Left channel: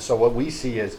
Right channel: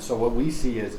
And so what we see is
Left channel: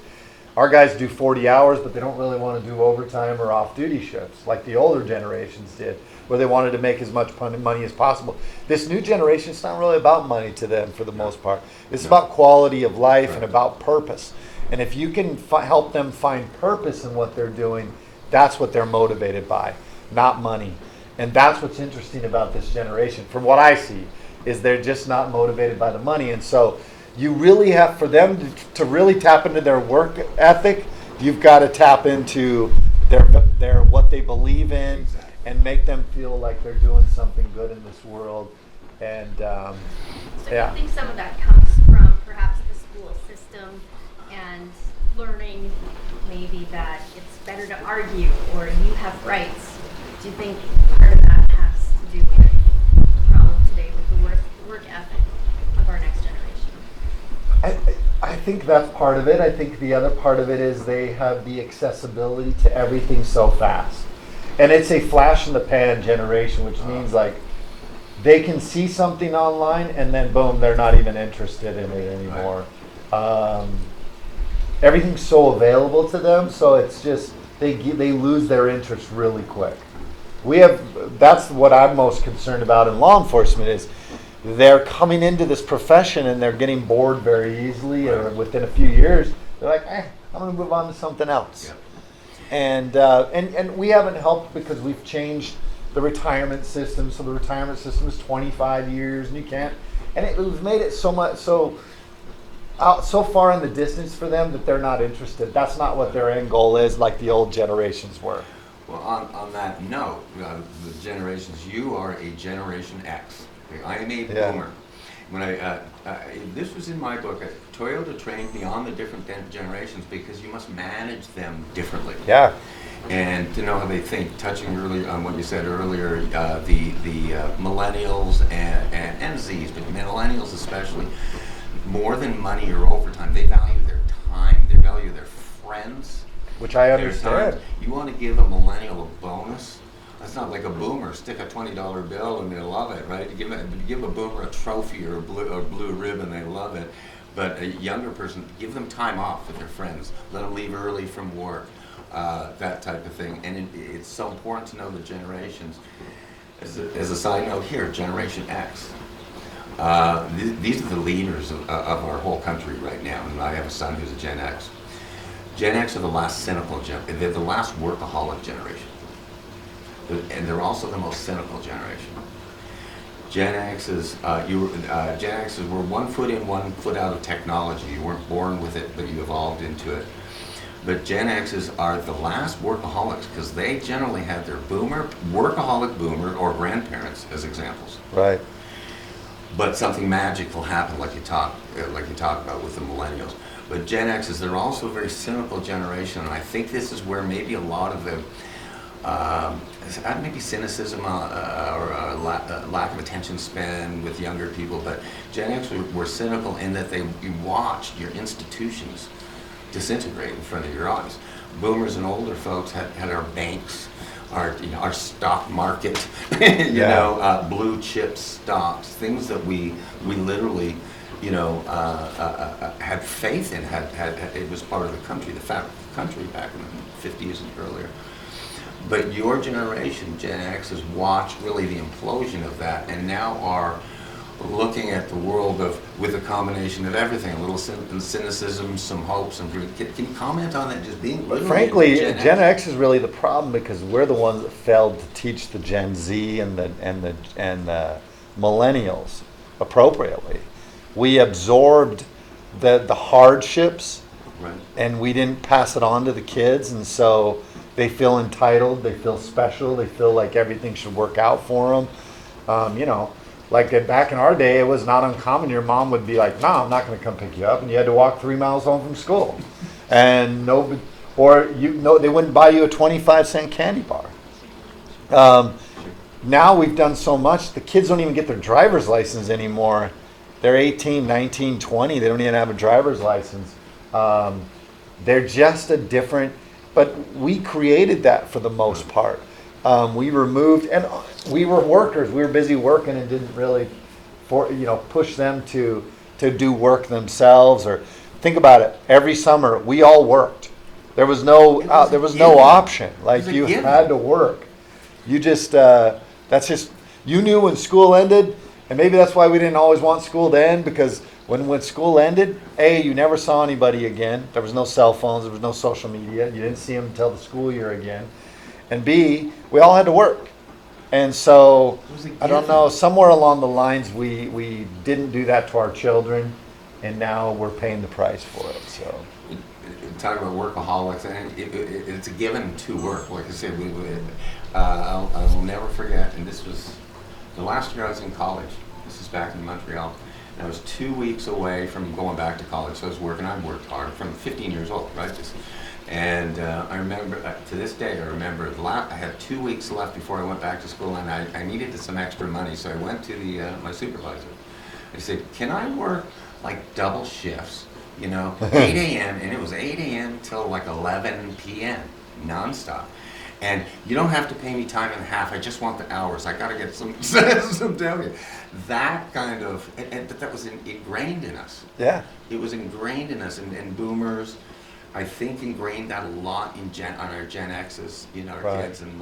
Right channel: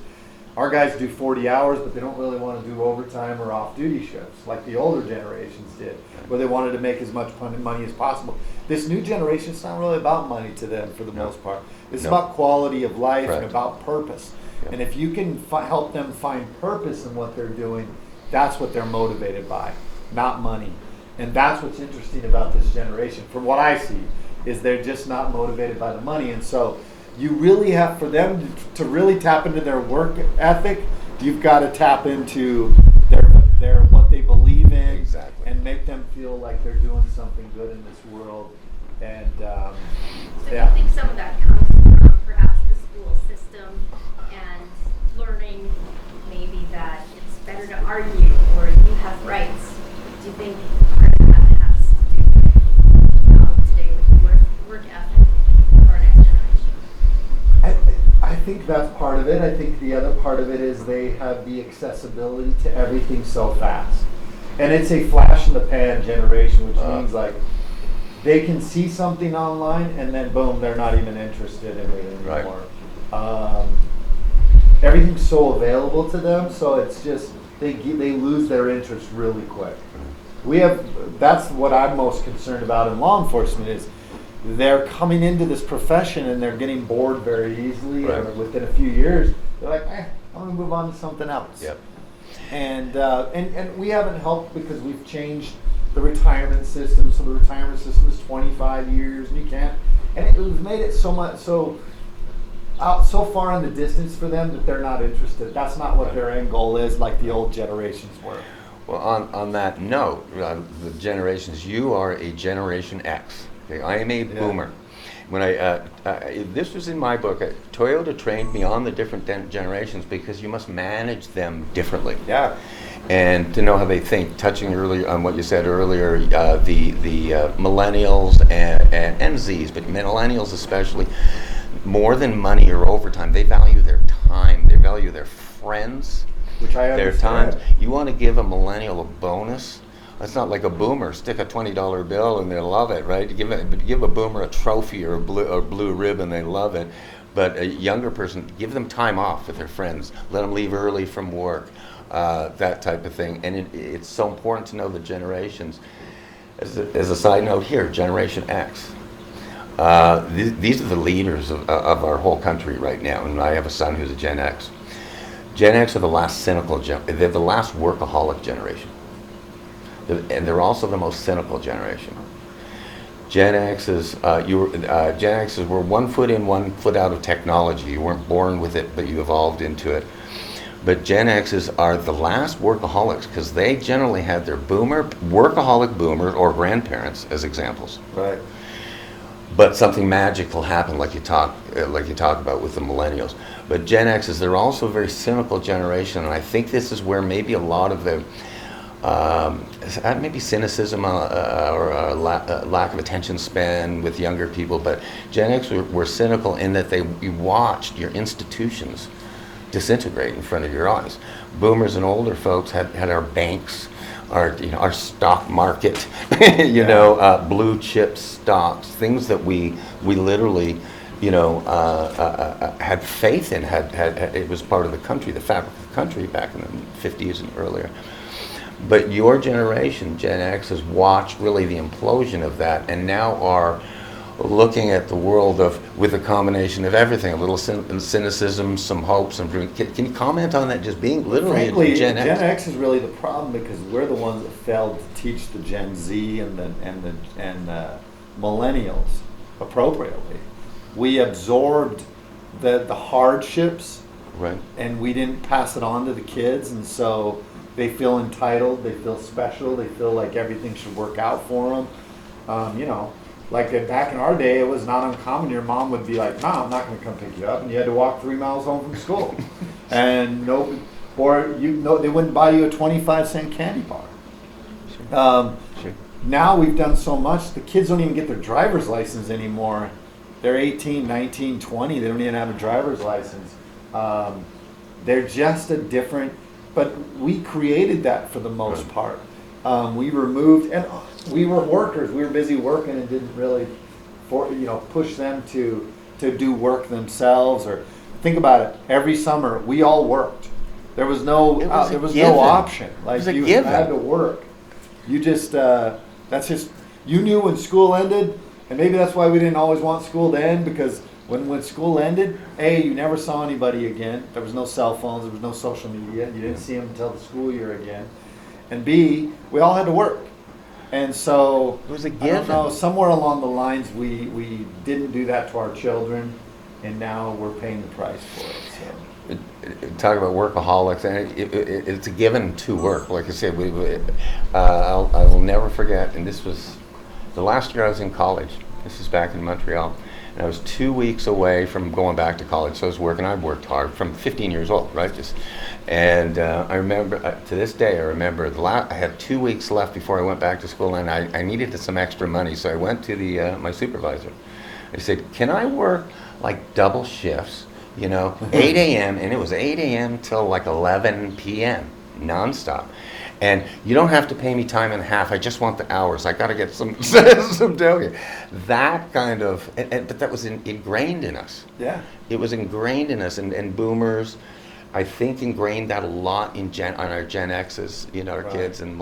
our guys do 40 hours, but they don't really want to do overtime or off-duty shifts like the older generations did, where they wanted to make as much money as possible. This new generation, it's not really about money to them for the most part. It's about quality of life and about purpose. And if you can help them find purpose in what they're doing, that's what they're motivated by, not money. And that's what's interesting about this generation, from what I see, is they're just not motivated by the money. And so you really have, for them to really tap into their work ethic, you've got to tap into their what they believe in, and make them feel like they're doing something good in this world. And so I think some of that comes from perhaps the school system and learning maybe that it's better to argue or you have rights. Do you think part of that has to do with the problem today with the work ethic of our next generation? I think that's part of it. I think the other part of it is they have the accessibility to everything so fast. And it's a flash in the pan generation, which means like they can see something online and then boom, they're not even interested in it anymore. Everything's so available to them, so it's just they lose their interest really quick. That's what I'm most concerned about in law enforcement is they're coming into this profession and they're getting bored very easily, or within a few years they're like, I'm going to move on to something else. Yep. And we haven't helped because we've changed the retirement system. So the retirement system is 25 years, and you can't. And we've made it so far in the distance for them that they're not interested. That's not what their end goal is, like the old generations were. Well, on that note, the generations, you are a Generation X. Okay? I am a boomer. When this was in my book, Toyota trained me on the different generations because you must manage them differently. Yeah. And to know how they think, touching earlier on what you said earlier, the millennials and Zs, but millennials especially, more than money or overtime, they value their time, they value their friends, which I understand. Their time. You want to give a millennial a bonus? That's not like a boomer. Stick a $20 bill and they'll love it, right? Give a boomer a trophy or a blue ribbon, they love it. But a younger person, give them time off with their friends. Let them leave early from work, that type of thing. And it's so important to know the generations. As a side note here, Generation X. These are the leaders of our whole country right now, and I have a son who's a Gen X. Gen X are the last cynical they're the last workaholic generation. And they're also the most cynical generation. Gen X's were 1 foot in, 1 foot out of technology. You weren't born with it, but you evolved into it. But Gen X's are the last workaholics because they generally had their workaholic boomer or grandparents as examples. Right. But something magical happened, like you talk about with the millennials. But Gen X's, they're also a very cynical generation, and I think this is where maybe a lot of the maybe cynicism or lack of attention span with younger people, but Gen X were cynical in that you watched your institutions disintegrate in front of your eyes. Boomers and older folks had our banks, our stock market, blue chip stocks, things that we literally, had faith in. Had it was part of the country, the fabric of the country back in the 50s and earlier. But your generation, Gen X, has watched really the implosion of that, and now are looking at the world with a combination of everything, a little cynicism, some hopes, and can you comment on that? Just being literally frankly, Gen X is really the problem because we're the ones that failed to teach the Gen Z and the millennials appropriately. We absorbed the hardships, right, and we didn't pass it on to the kids, and so they feel entitled, they feel special, they feel like everything should work out for them. Like back in our day, it was not uncommon. Your mom would be like, "No, I'm not going to come pick you up," and you had to walk 3 miles home from school, and they wouldn't buy you a 25-cent candy bar. Now we've done so much, the kids don't even get their driver's license anymore. They're 18, 19, 20. They don't even have a driver's license. They're just a different. But we created that for the most part. We removed, and we were workers. We were busy working and didn't really, push them to do work themselves. think about it. Every summer, we all worked. There was no It was a there was given. no option. It Like was a you given. had to work. You just that's just you knew when school ended, and maybe that's why we didn't always want school to end, because when school ended, A, you never saw anybody again. There was no cell phones. There was no social media. You didn't see them until the school year again. And B, we all had to work. And so It was a I don't given. know. Somewhere along the lines, we didn't do that to our children, and now we're paying the price for it. So. Talk about workaholics, and it's a given to work. Like I said, I will never forget, and this was the last year I was in college. This is back in Montreal, and I was 2 weeks away from going back to college, so I was working. I worked hard from 15 years old, right? And I remember, to this day, I remember I had 2 weeks left before I went back to school, and I needed some extra money, so I went to my supervisor. I said, "Can I work like double shifts? 8 a.m. and it was 8 a.m. till like 11 p.m. nonstop. And you don't have to pay me time and a half. I just want the hours. I got to get some down here." That kind of, but that was ingrained in us. Yeah. It was ingrained in us, and boomers, I think, ingrained that a lot on our Gen X's, our Right. kids and